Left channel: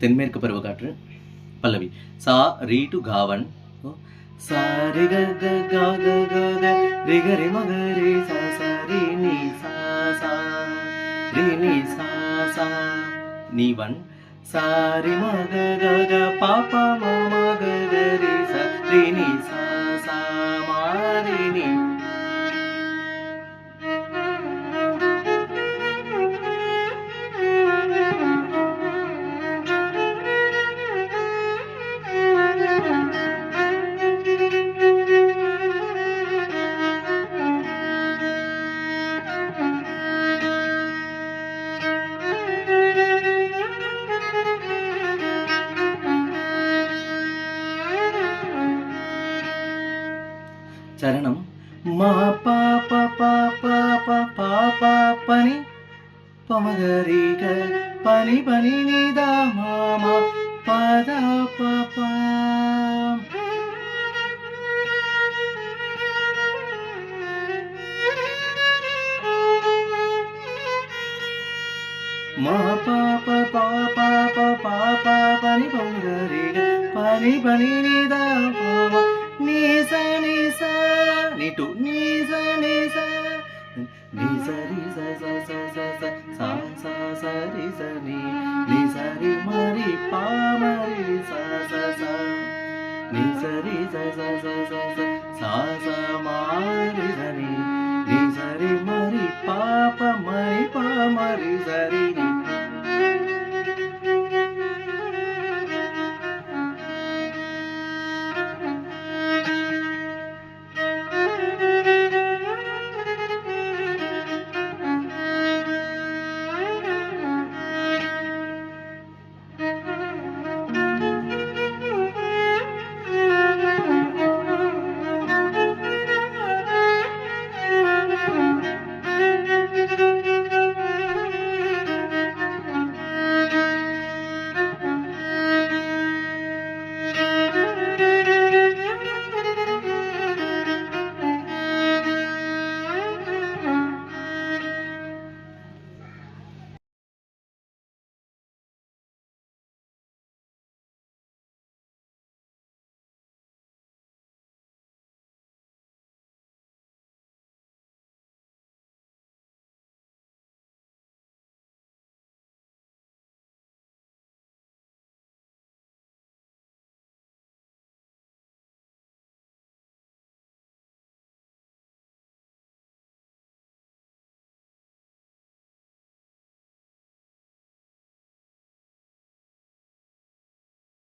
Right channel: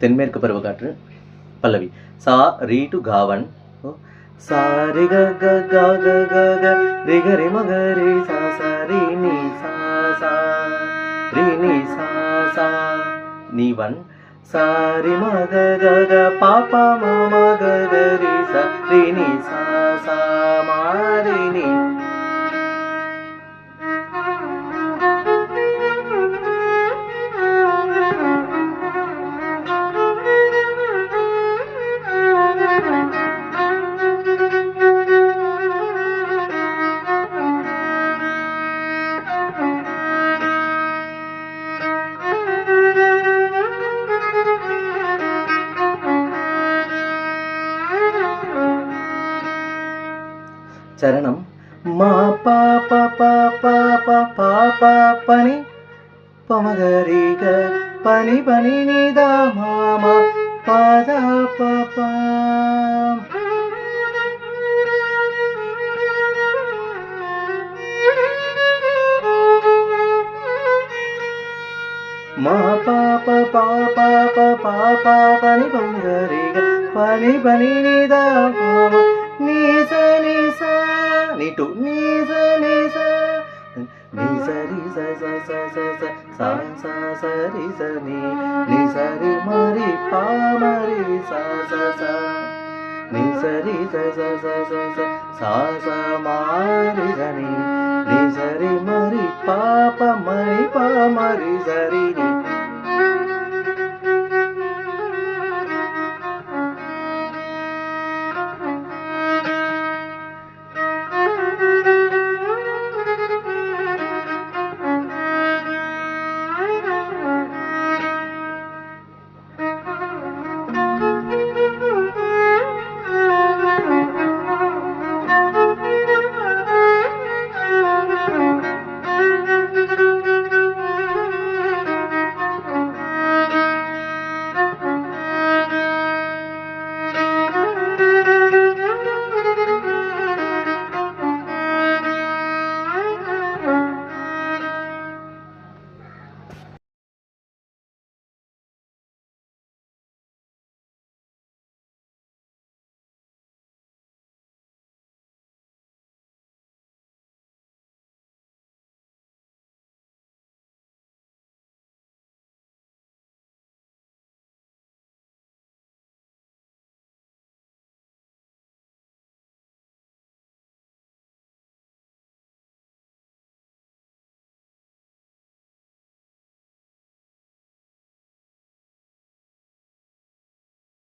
தென்மேற்கு பருவக்காற்று பல்லவி. சா ரீ டு காவன். சா ரி க க க க க க ரி க ரி ம க ரி சா சா ரி நீ சா சா ரி நீ சா சா நீ வன். சா ரி ம க க க பா பா ம ம க க ரி சா ரி நீ சா சா மா ரி நீ. சரணம். மா பா பா பா பா பா பா பா பனி பமகரி க பனி பனி நிதா மாமா பாதா பா பா. மா பா பா பா பா பா பா பா பனி பமகரி க பனி பனி நிதா மாமா நீ சா நீ சா நீ டு நீ சா நீ சா நீ சரி ச ச ச ச ச சா சா சரி ச நீ நீ சரி மரி பா மரி சா ச சா நீ சரி ச ச ச ச ச சா சா மரி ச நீ நீ சரி மரி பா ப மரி பா மரி சரி நீ.